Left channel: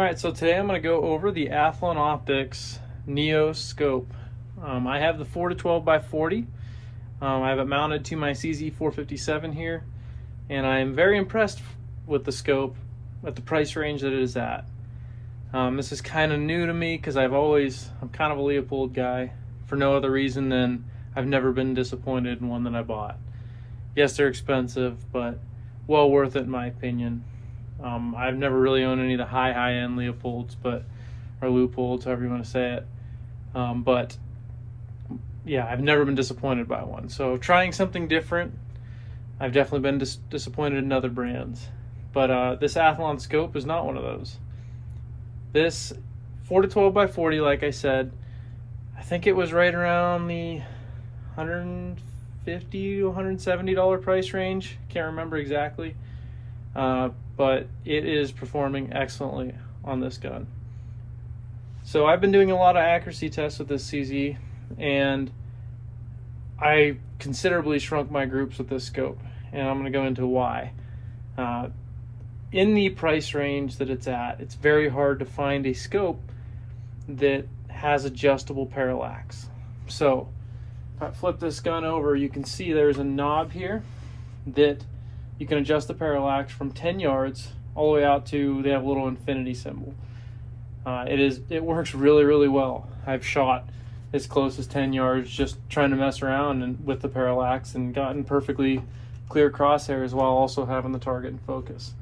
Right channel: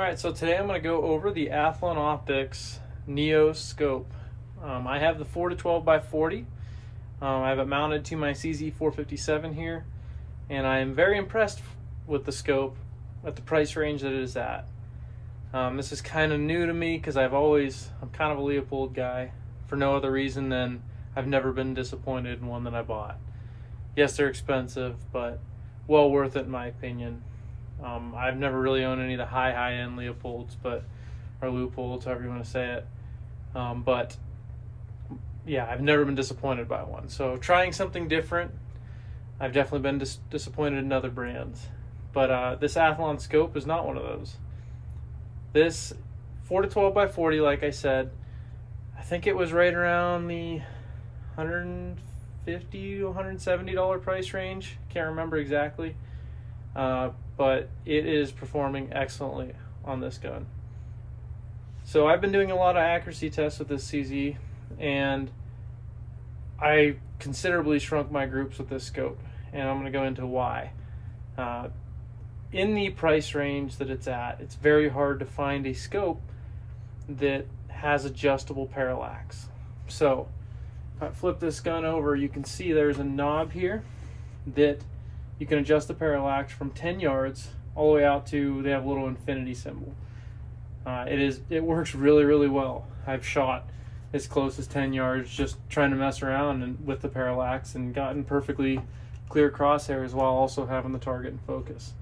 Alright, so today I'm going to go over the Athlon Neos scope. I have the 4 to 12 by 40. I have it mounted to my CZ457 here, and I'm very impressed with the scope at the price range that it is at. This is kind of new to me because I'm kind of a Leupold guy for no other reason than I've never been disappointed in one that I bought. Yes, they're expensive, but well worth it in my opinion. I've never really owned any of the high-end Leopolds, or Leupolds, however you want to say it. But yeah, I've never been disappointed by one. So trying something different, I've definitely been disappointed in other brands. But this Athlon scope is not one of those. This 4 to 12 by 40, like I said, I think it was right around the $150 to $170 price range. Can't remember exactly. But it is performing excellently on this gun. So I've been doing a lot of accuracy tests with this CZ, and I considerably shrunk my groups with this scope, and I'm going to go into why. In the price range that it's at, it's very hard to find a scope that has adjustable parallax. So if I flip this gun over, you can see there's a knob here that you can adjust the parallax from 10 yards all the way out to, they have a little infinity symbol. It works really, really well. I've shot as close as 10 yards just trying to mess around with the parallax and gotten perfectly clear crosshairs while also having the target in focus.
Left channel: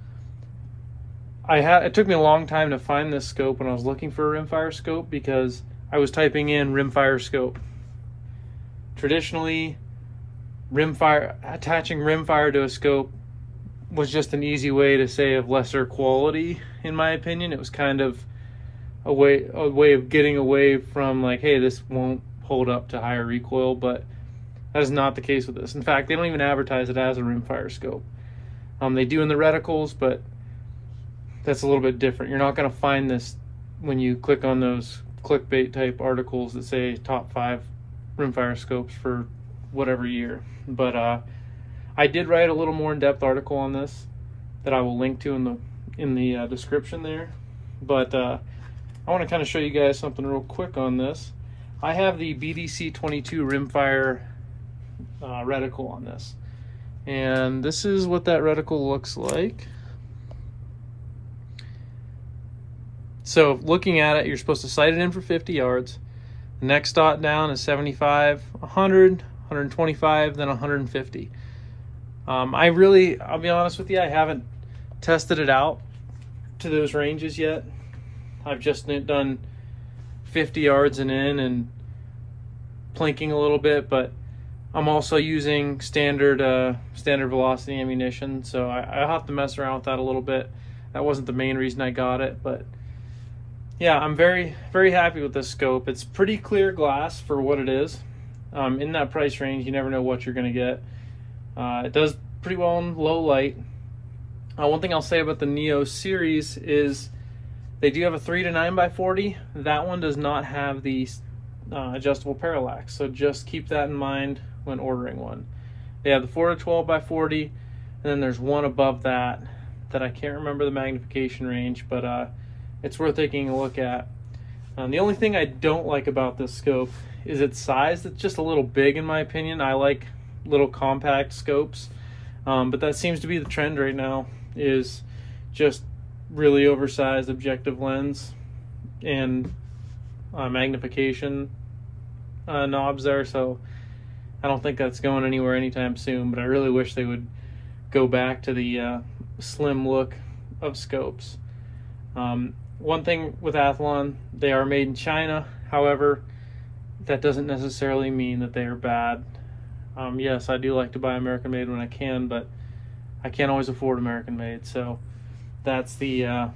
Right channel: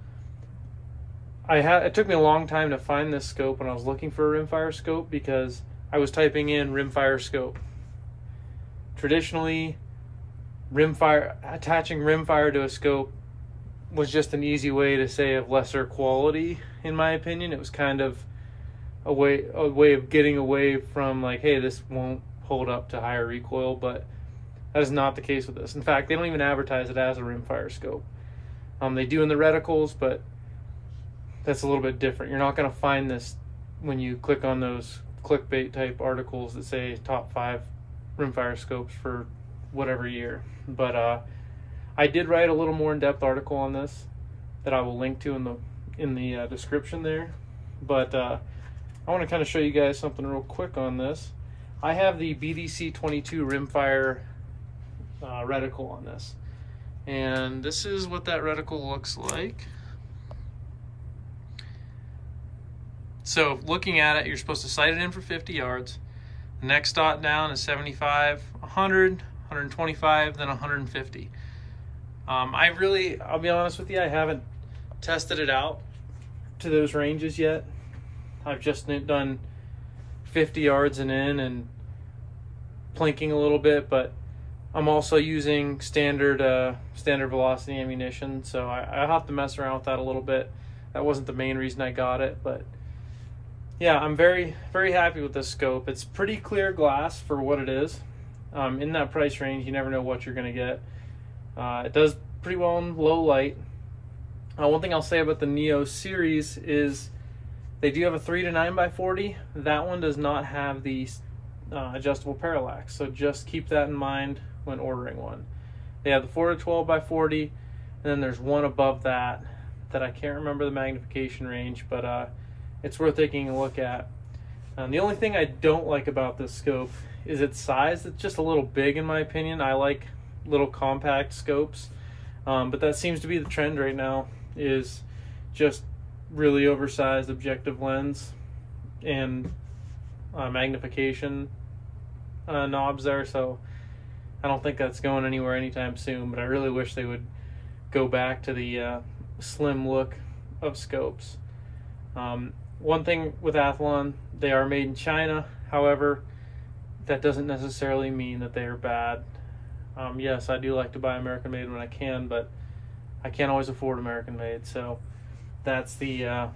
It took me a long time to find this scope when I was looking for a Rimfire scope because I was typing in Rimfire scope. Traditionally, attaching Rimfire to a scope was just an easy way to say of lesser quality, in my opinion. It was kind of a way of getting away from, like, hey, this won't hold up to higher recoil, but that is not the case with this. In fact, they don't even advertise it as a Rimfire scope. They do in the reticles, but that's a little bit different. You're not going to find this when you click on those clickbait type articles that say top 5 Rimfire scopes for whatever year. But I did write a little more in-depth article on this that I will link to in the description there. But I want to kind of show you guys something real quick on this. I have the BDC 22 Rimfire reticle on this, and this is what that reticle looks like. So looking at it, you're supposed to sight it in for 50 yards. The next dot down is 75, 100, 125, then 150. I'll be honest with you, I haven't tested it out to those ranges yet. I've just done 50 yards and in and plinking a little bit, but I'm also using standard velocity ammunition, so I'll have to mess around with that a little bit. That wasn't the main reason I got it, but yeah, I'm very, very happy with this scope. It's pretty clear glass for what it is. In that price range, you never know what you're going to get. It does pretty well in low light. One thing I'll say about the Neos series is they do have a 3 to 9 by 40. That one does not have the adjustable parallax, so just keep that in mind when ordering one. They have the 4 to 12 by 40, and then there's one above that I can't remember the magnification range, but it's worth taking a look at. The only thing I don't like about this scope is its size. It's just a little big in my opinion. I like little compact scopes, but that seems to be the trend right now, is just really oversized objective lens and magnification knobs there. So I don't think that's going anywhere anytime soon, but I really wish they would go back to the slim look of scopes. One thing with Athlon, they are made in China. However, that doesn't necessarily mean that they are bad. Yes, I do like to buy American made when I can, but I can't always afford American made, so that's the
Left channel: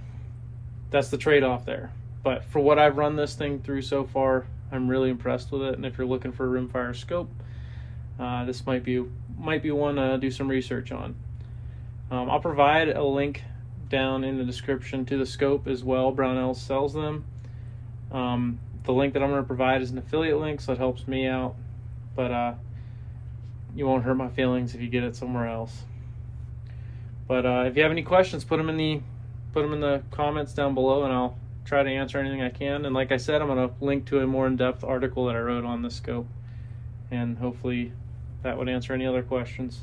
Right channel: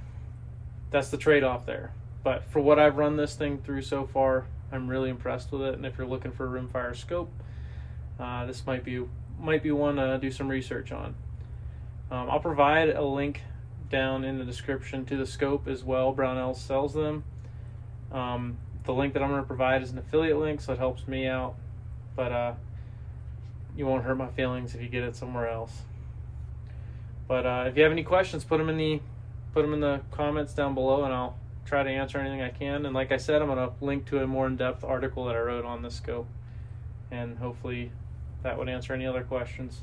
trade-off there. But for what I've run this thing through so far, I'm really impressed with it. And if you're looking for a Rimfire scope, this might be one to do some research on. I'll provide a link down in the description to the scope as well. Brownell sells them. The link that I'm going to provide is an affiliate link, so it helps me out, but you won't hurt my feelings if you get it somewhere else. But if you have any questions, put them in the put them in the comments down below and I'll try to answer anything I can. And like I said, I'm going to link to a more in-depth article that I wrote on the scope, and hopefully that would answer any other questions.